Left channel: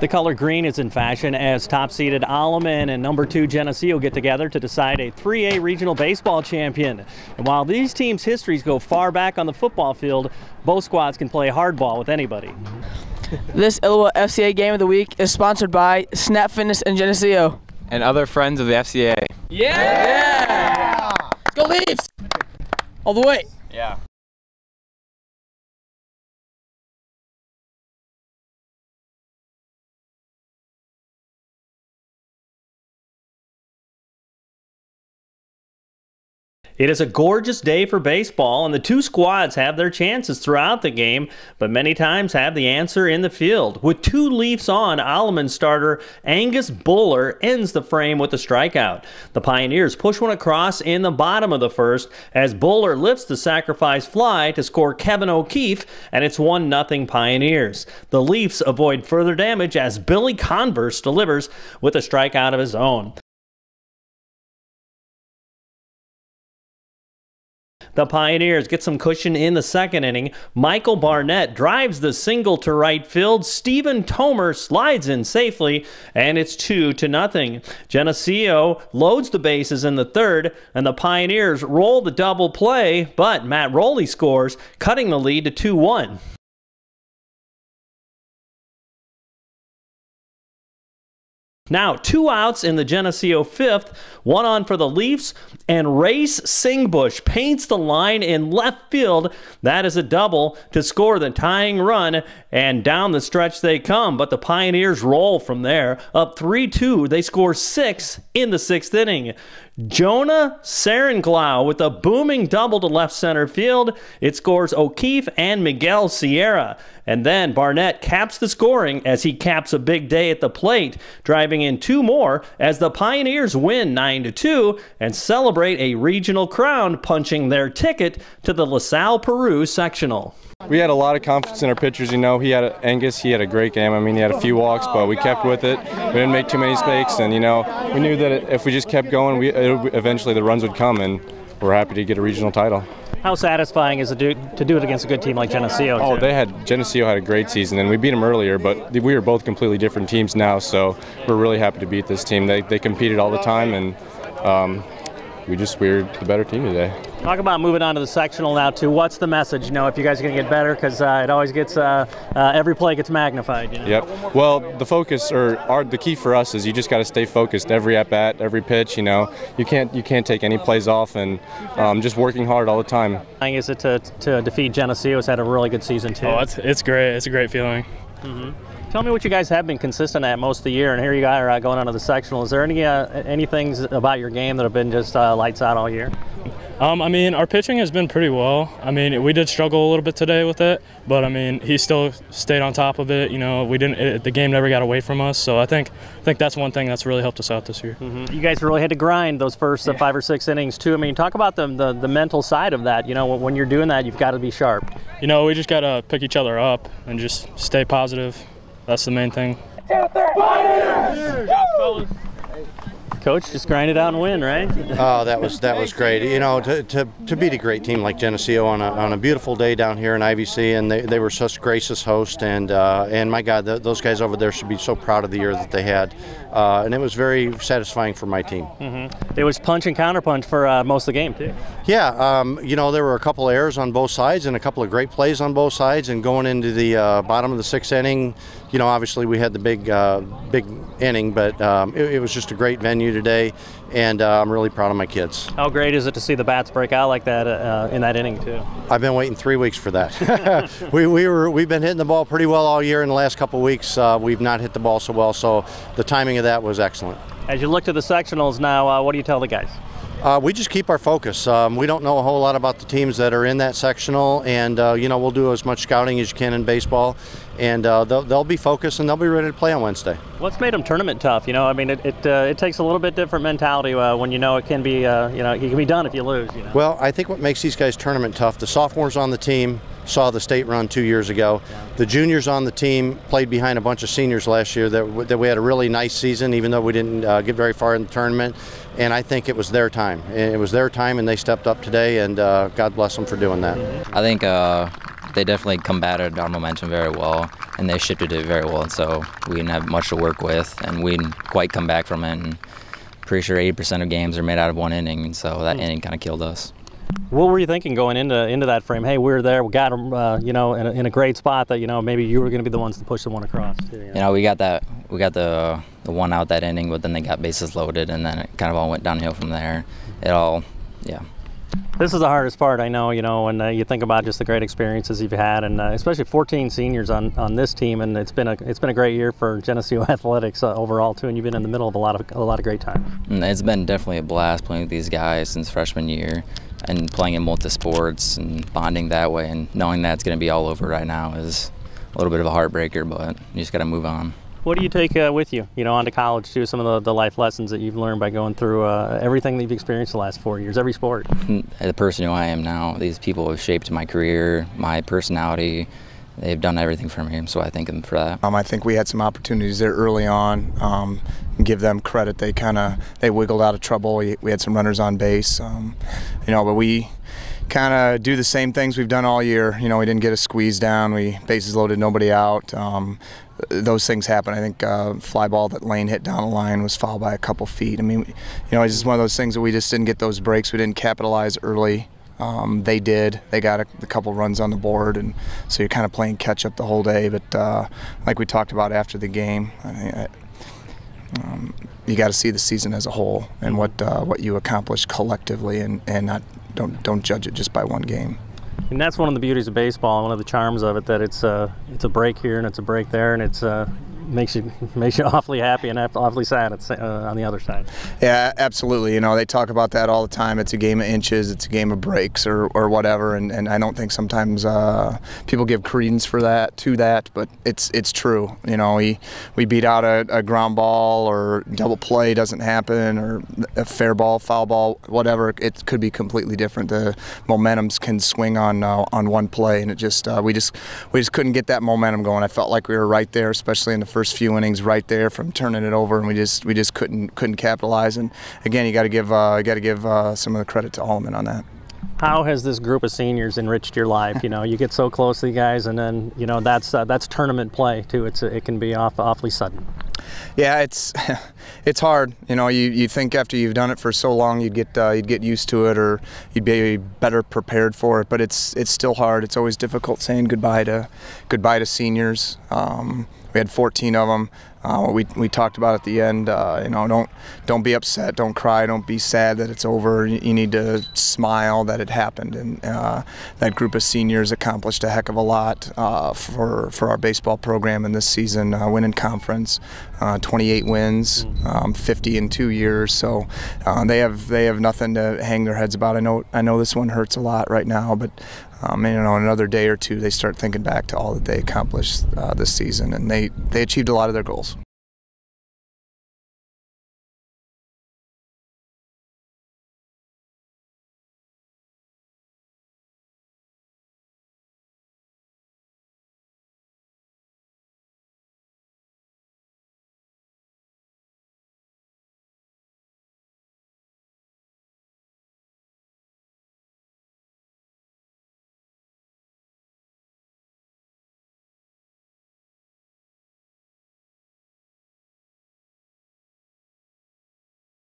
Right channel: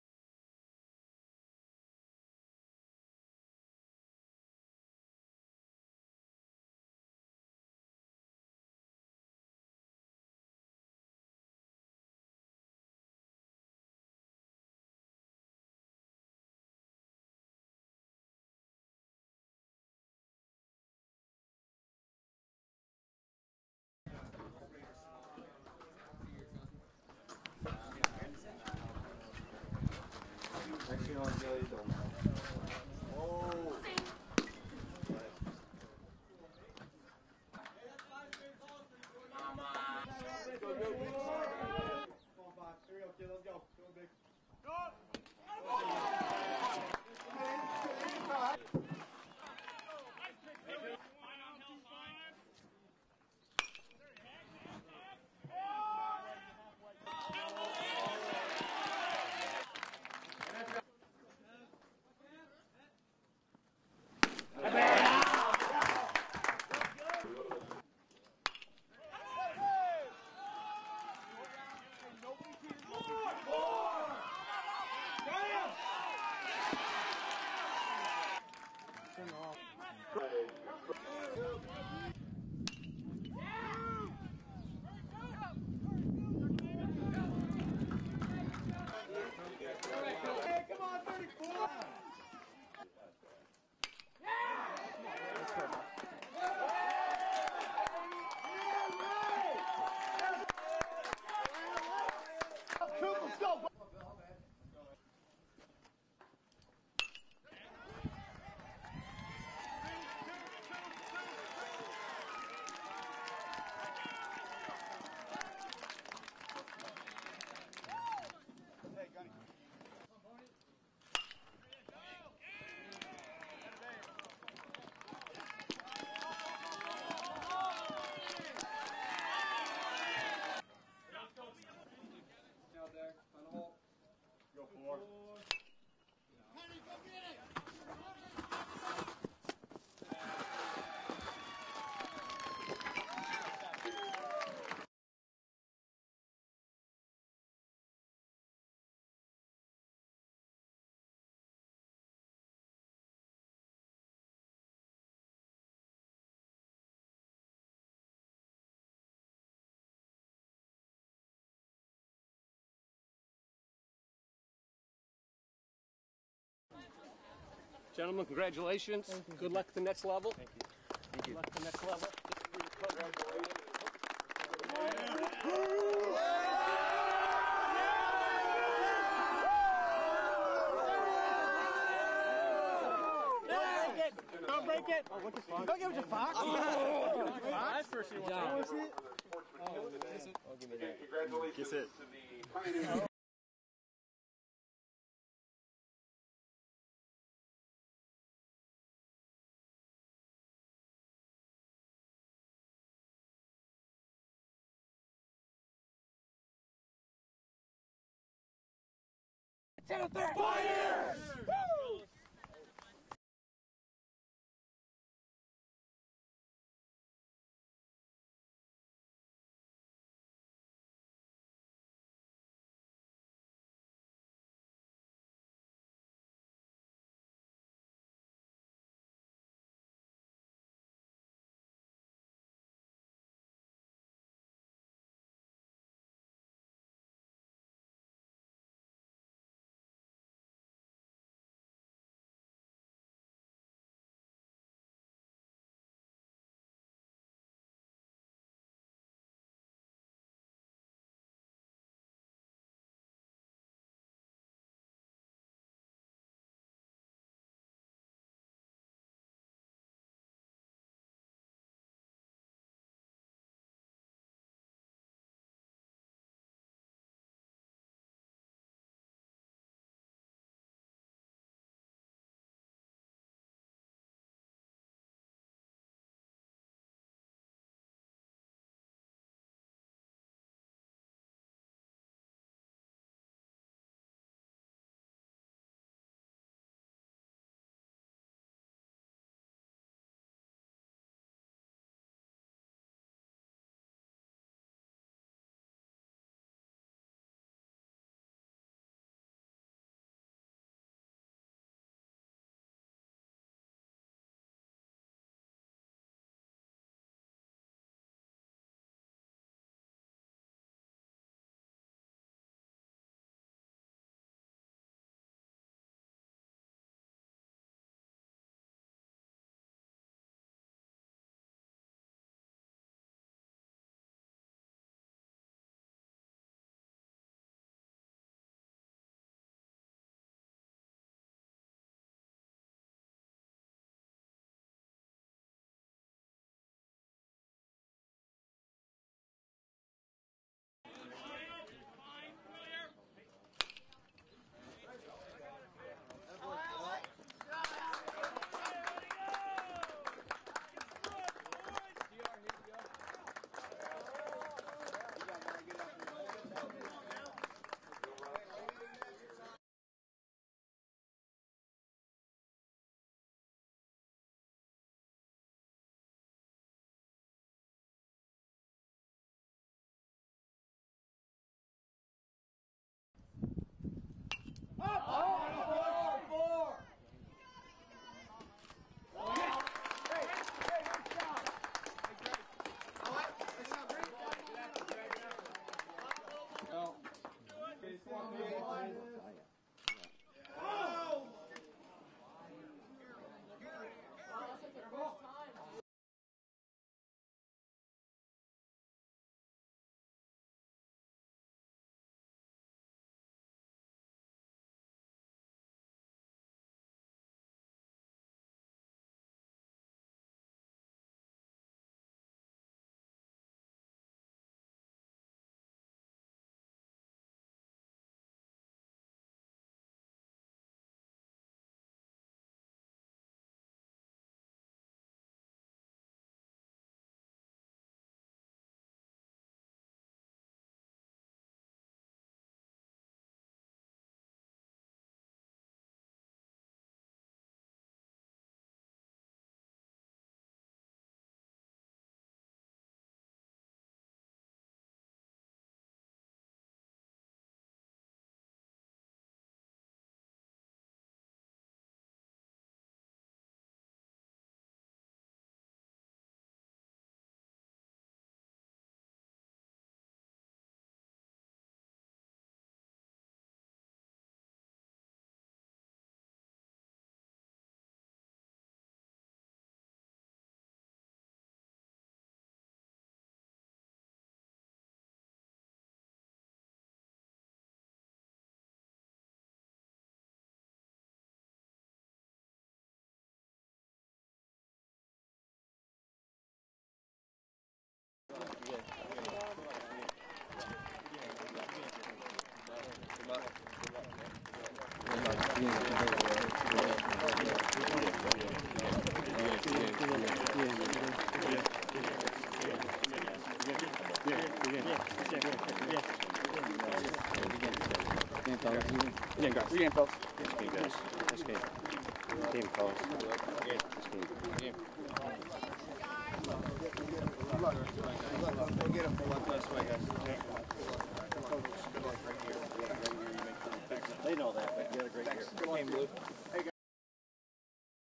The color green is in fashion as top-seeded Alleman and number 2 Geneseo get together to decide a 3A regional baseball champion. And while these teams' histories go far back on the football field, both squads can play hardball with anybody. This ILLOWA FCA game of the week is sponsored by Snap Fitness and Geneseo. And other friends of the FCA. Yeah! Let's go Leafs! All the way. Yeah. It is a gorgeous day for baseball, and the two squads have their chances throughout the game, but many times have the answer in the field. With 2 Leafs on, Alleman starter Angus Buller ends the frame with a strikeout. The Pioneers push one across in the bottom of the first as Buller lifts the sacrifice fly to score Kevin O'Keefe, and it's 1-0 Pioneers. The Leafs avoid further damage as Billy Converse delivers with a strikeout of his own. The Pioneers get some cushion in the second inning. Michael Barnett drives the single to right field. Stephen Tomer slides in safely, and it's 2-0. Geneseo loads the bases in the third, and the Pioneers roll the double play, but Matt Rowley scores, cutting the lead to 2-1. Now 2 outs in the Geneseo fifth, 1 on for the Leafs, and Race Singbush paints the line in left field. That is a double to score the tying run, and down the stretch they come, but the Pioneers roll from there. Up 3-2, they score 6 in the 6th inning. Jonah Serenglau with a booming double to left center field. It scores O'Keefe and Miguel Sierra. And then Barnett caps the scoring as he caps a big day at the plate, driving in 2 more as the Pioneers win 9-2 and celebrate a regional crown, punching their ticket to the LaSalle Peru sectional. We had a lot of confidence in our pitchers. You know, Angus, he had a great game. I mean, he had a few walks, but we kept with it. We didn't make too many mistakes, and, you know, we knew that if we just kept going, eventually the runs would come, and we're happy to get a regional title. How satisfying is it to do it against a good team like Geneseo? Oh, Geneseo had a great season, and we beat them earlier, but we were both completely different teams now, so we're really happy to beat this team. They competed all the time, and we were the better team today. Talk about moving on to the sectional now, too. What's the message? You know, if you guys are going to get better, because it always gets, every play gets magnified. You know? Yep. Well, the focus, or the key for us is you just got to stay focused every at-bat, every pitch, you know. You can't take any plays off, and just working hard all the time. Is it to defeat Geneseo? Has had a really good season, too. Oh, it's great. It's a great feeling. Tell me what you guys have been consistent at most of the year, and here you guys are going on to the sectional. Is there any things about your game that have been just lights out all year? I mean, our pitching has been pretty well. I mean, we did struggle a little bit today with it, but I mean, he still stayed on top of it. You know, the game never got away from us. So I think that's one thing that's really helped us out this year. You guys really had to grind those first 5 or 6 innings too. I mean, talk about the mental side of that. You know, when you're doing that, you've got to be sharp. You know, we just got to pick each other up and just stay positive. That's the main thing. Coach, just grind it out and win, right? Oh, that was great. You know, to beat a great team like Geneseo on a beautiful day down here in IVC, and they were such gracious hosts, and my God, those guys over there should be so proud of the year that they had, and it was very satisfying for my team. It was punch and counterpunch for most of the game too. Yeah, you know, there were a couple errors on both sides and a couple of great plays on both sides, and going into the bottom of the 6th inning, you know, obviously we had the big inning, but it was just a great venue today, and I'm really proud of my kids. How great is it to see the bats break out like that in that inning too? I've been waiting 3 weeks for that. We've been hitting the ball pretty well all year. In the last couple of weeks, we've not hit the ball so well, so the timing of that was excellent. As you look to the sectionals now, what do you tell the guys? We just keep our focus. We don't know a whole lot about the teams that are in that sectional, and you know, we'll do as much scouting as you can in baseball, and they'll be focused and they'll be ready to play on Wednesday. What's made them tournament tough? You know, I mean, it takes a little bit different mentality when you know it can be, you know, it can be done if you lose. You know? Well, I think what makes these guys tournament tough, the sophomores on the team saw the state run 2 years ago. Yeah. The juniors on the team played behind a bunch of seniors last year that we had a really nice season, even though we didn't get very far in the tournament. And I think it was their time. It was their time, and they stepped up today, and God bless them for doing that. I think they definitely combated our momentum very well, and they shifted it very well. And so we didn't have much to work with, and we didn't quite come back from it. And pretty sure 80% of games are made out of one inning, and so that inning kind of killed us. What were you thinking going into that frame? Hey, we were there, we got them, in a great spot that maybe you were going to be the ones to push the one across. Too, we got the one out that inning, but then they got bases loaded, and then it kind of all went downhill from there. This is the hardest part, I know, when you think about just the great experiences you've had, and especially 14 seniors on this team, and it's been a great year for Geneseo athletics overall too, and you've been in the middle of a lot of great times. It's been definitely a blast playing with these guys since freshman year, and playing in multi-sports and bonding that way, and knowing that it's going to be all over right now is a little bit of a heartbreaker, but you just got to move on. What do you take with you, on to college too? Some of the life lessons that you've learned by going through everything that you've experienced the last 4 years, every sport. The person who I am now, these people have shaped my career, my personality. They've done everything for me, so I thank them for that. I think we had some opportunities there early on. Give them credit. They wiggled out of trouble. We had some runners on base, but we kind of do the same things we've done all year. We didn't get a squeeze down. We bases loaded, nobody out. Those things happen. I think fly ball that Lane hit down the line was fouled by a couple feet. It's just one of those things that we just didn't get those breaks. We didn't capitalize early. They did. They got a couple runs on the board, and so you're kind of playing catch up the whole day. But like we talked about after the game, you got to see the season as a whole and what you accomplished collectively, and not don't judge it just by one game. And that's one of the beauties of baseball, one of the charms of it, that it's a break here and it's a break there, and it's makes you awfully happy and awfully sad on the other side. Yeah, absolutely. They talk about that all the time. It's a game of inches, it's a game of breaks or whatever, and I don't think sometimes people give credence for that, but it's true. We beat out a ground ball, or double play doesn't happen, or a fair ball, foul ball, whatever. It could be completely different. The momentums can swing on one play, and we just couldn't get that momentum going. I felt like we were right there, especially in the first few innings, right there from turning it over, and we just couldn't capitalize. And again, you got to give some of the credit to Alleman on that. How has this group of seniors enriched your life? You get so close to the guys, and then that's tournament play too. It can be awfully sudden. Yeah, it's hard. You think after you've done it for so long, you'd get used to it, or you'd be better prepared for it. But it's still hard. It's always difficult saying goodbye to seniors. We had 14 of them. We talked about at the end. Don't be upset. Don't cry. Don't be sad that it's over. You need to smile that it happened. And that group of seniors accomplished a heck of a lot for our baseball program in this season. Winning conference, 28 wins, 50 in 2 years. So they have nothing to hang their heads about. I know this one hurts a lot right now, but in another day or two, they start thinking back to all that they accomplished this season, and they achieved a lot of their goals. Game,